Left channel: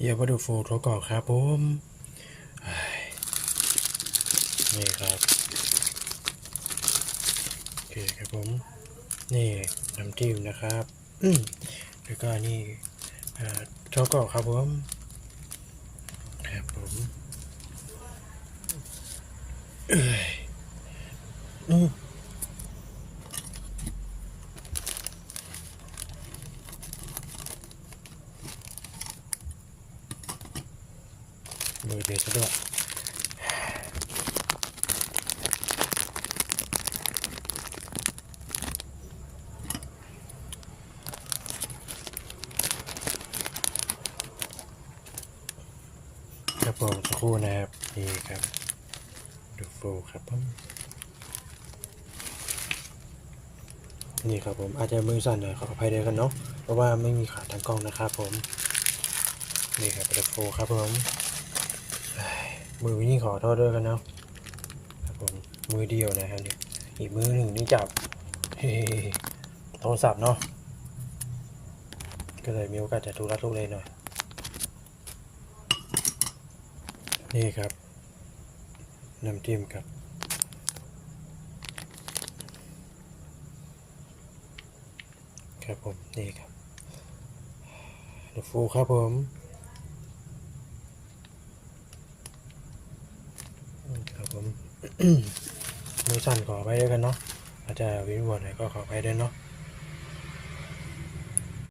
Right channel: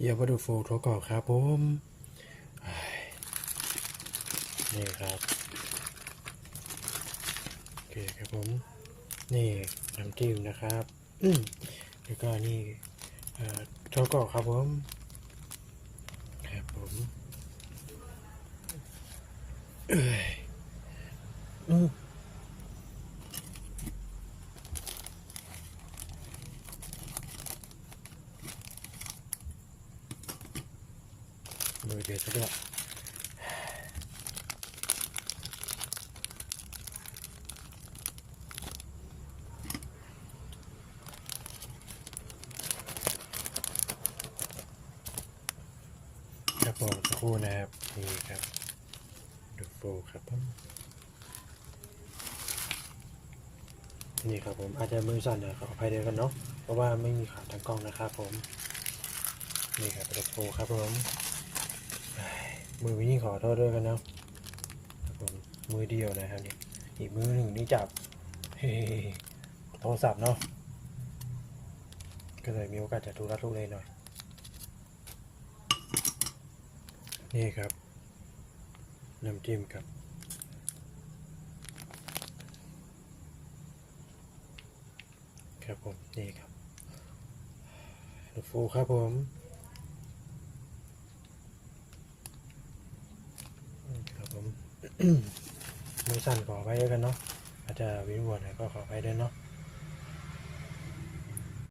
เยียบดูโฟโทรก่อนครับผมนี่ครับโอเคครับผมนี่น้ำจิ้มนะครับแล้วก็นี่โทก่อนครับผมครับผมอืม มือเดียวซะด้วยครับผมสักครู่นะครับนี่ครับดูโฟครับผมนี่ครับผมอาจจะมือสั่นหน่อยขออภัยด้วยกันเนาะเพราะว่าไม่มีขาทางกล้องนะครับผมนี่ครับดูโฟครับผม มือวิ่งขอโทษด้วยกันนะครับผมมือเดียวนะครับนี่อีกมือหนึ่งนี่จับโทรศัพท์เนาะก็เลยมีโอกาสจะทุรักทุเลหน่อย นี่ครับน้ำจิ้มครับครับผมนี่ครับเดฟูครับผมครับผ มมือสั่นขอไปด้วยกันเนาะอาจจะวิงวนหนก็ขอไปด้วยเนาะ